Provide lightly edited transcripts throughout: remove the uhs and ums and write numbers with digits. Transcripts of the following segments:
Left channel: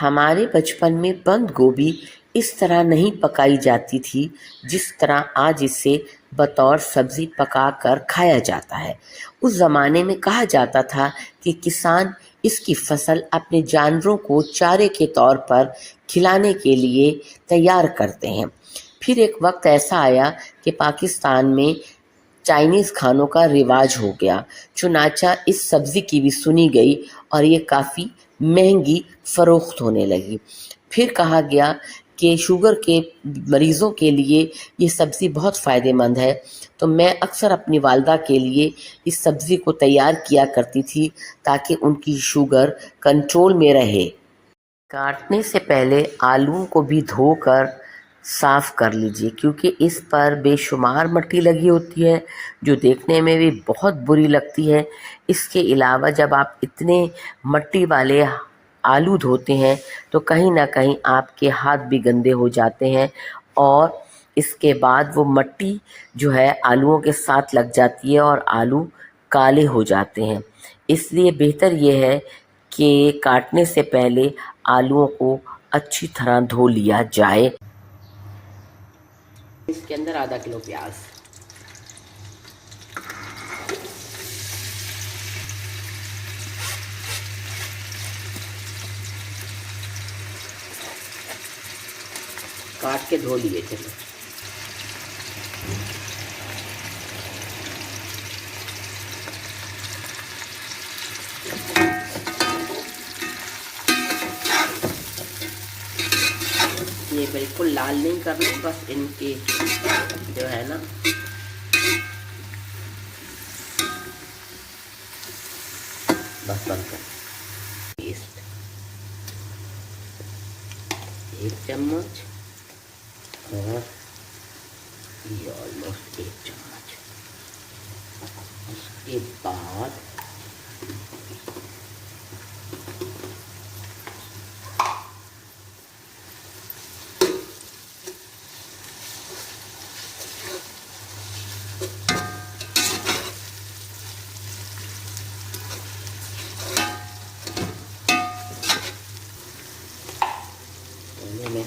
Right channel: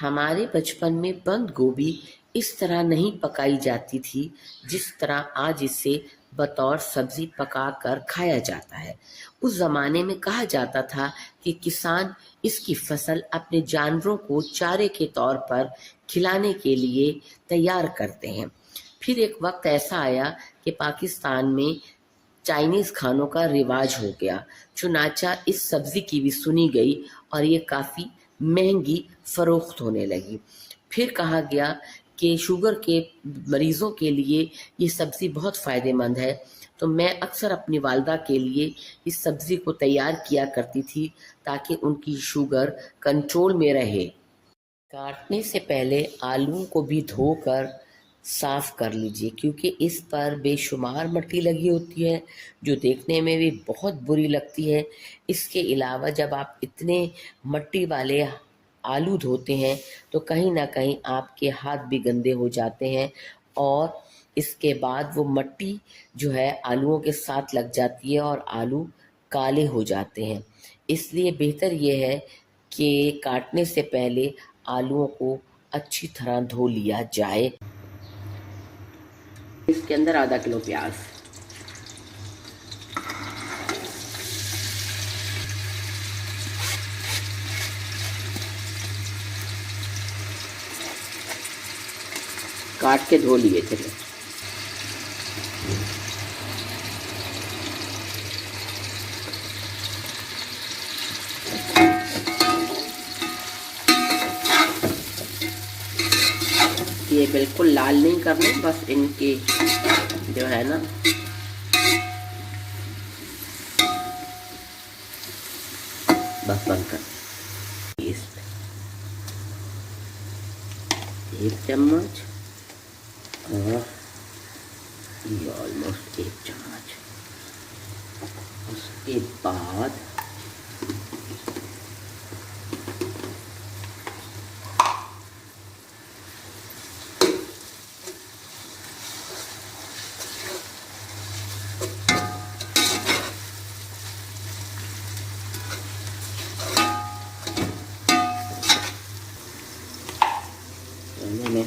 हमारे बचपन में बंद गोभी इस तरह नहीं पकाई जाती थी जिस तरह आज इसे बतौर सब्जी पकाकर खाया जाता है। उस ज़माने में कहा जाता था कि किसान इसकी फसल अपने जानवरों को चारे के तौर पर खिलाने के लिए तैयार करते हैं। फिर एक वक्त ऐसा आया कि पाकिस्तान में चाइनीज़ खानों का रिवाज हो गया। चुनाचा इस सब्ज़ी की भी सुनी गई और ये काफ़ी महंगी फ़रोख्त होने लगी। फिर कहा गया कि शुगर के मरीज़ों के लिए ये सब्ज़ी बहुत फ़ायदेमंद है, तो मैं अक्सर अपनी वालदा के लिए इस सब्ज़ी को तैयार किया करती थी ताकि उनकी शुगर कंट्रोल में रहे। काटने से पहले आलूओं को भी धोकर साफ़ कर लीजिए क्योंकि इस पर बेशुमार मिट्टी लगी होती है जो देखने में भी बहुत बुरी लगती है। इसके अलावा जब आप इतने मिट्टी वाले आलू धोते हैं तो कहीं ना कहीं आपके हाथ भी गंदे हो जाते हैं और इसके बाद वो मिट्टी जो है आलूओं के साथ लग जाती है और आलू काले हो जाते हैं। इसलिए बेहतर ये है कि काटने से पहले आलूओं को अच्छी तरह धो लिया जाए। इसके अंदर आधा किलो प्याज, काट के धो लिए थे। ये बिल्कुल लाल नहीं करना, बस इनके जो है ना बस बनकर एक चम्मच और ये ऑलमोस्ट एक चम्मच। उसके बाद में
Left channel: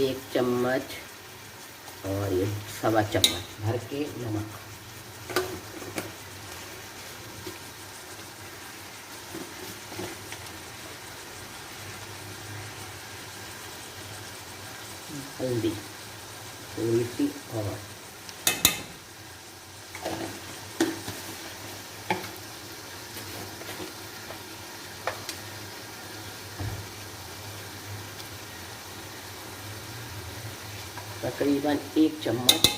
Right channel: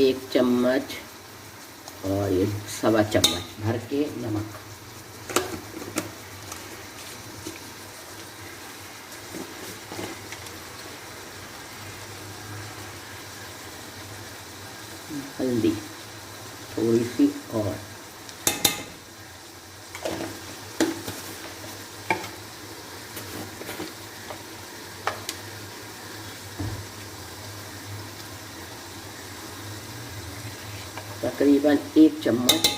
1 चम्मच और ये 1.25 चम्मच भर के नमक। हल्दी थोड़ी सी और तकरीबन 1 चम्मच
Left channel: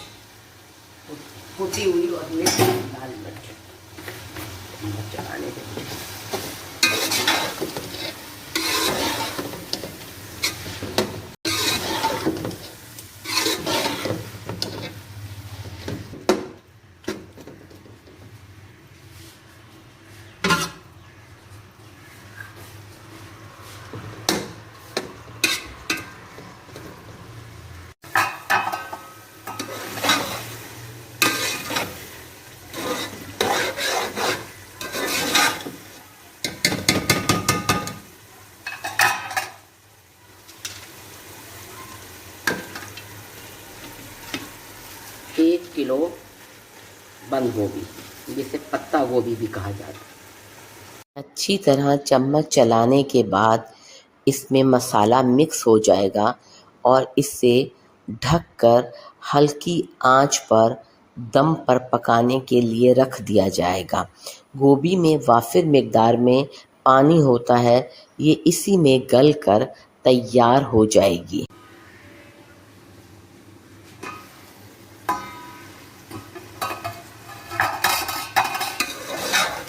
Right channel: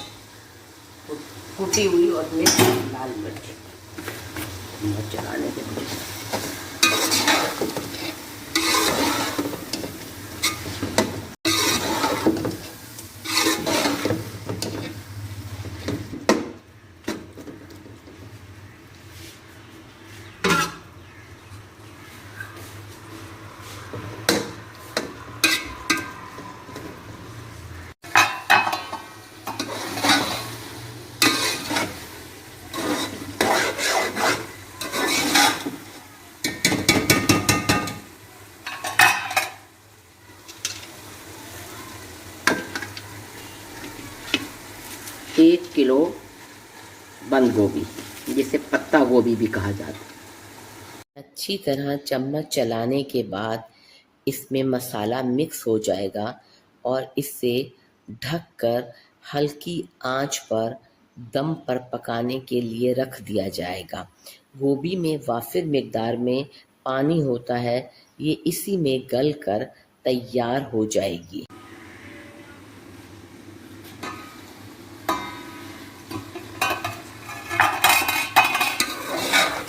कुटी हुई और लाल मिर्च चलाने देंगे। एक किलो बंद गोभी, जिसे पत्ता गोभी भी कहा जाता है। अच्छी तरह चम्मच चलाने के बाद इसमें मसाला मिक्स हो जाएगा और इसे ढककर हल्की आंच पर दम पर पकाने के लिए रख दिया जाएगा। गोभी में वाफिर मिकदार में पानी होता है, ये इसी में गल कर तैयार हो जाएगी।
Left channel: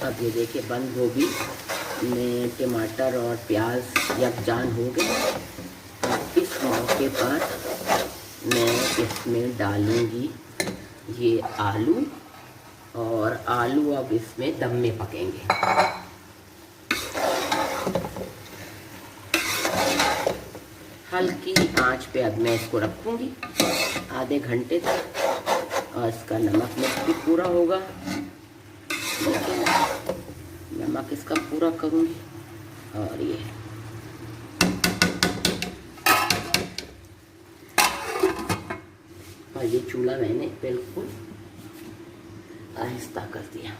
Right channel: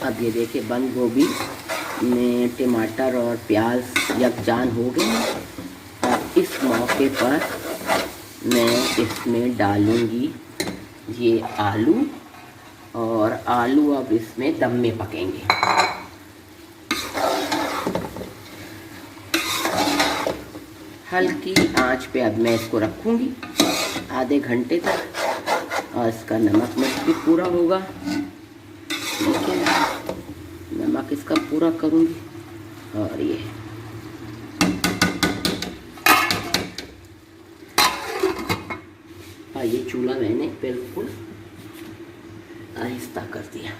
अब ये देखिए बंद गोभी में टमाटर और प्याज यकजान हो गए। अब इस मौके पर मैं इसमें डालूंगी ये आलू, और आलू अब इसमें दम में पकेंगे। हल्की आंच पे अब मैं इसको रखूंगी आधे घंटे तक, और इसका नमक मिर्च भी पूरा होगा। देखिए नमक इसका पूरा करूंगी। और ये चूल्हा मैंने बिल्कुल आहिस्ता कर दिया।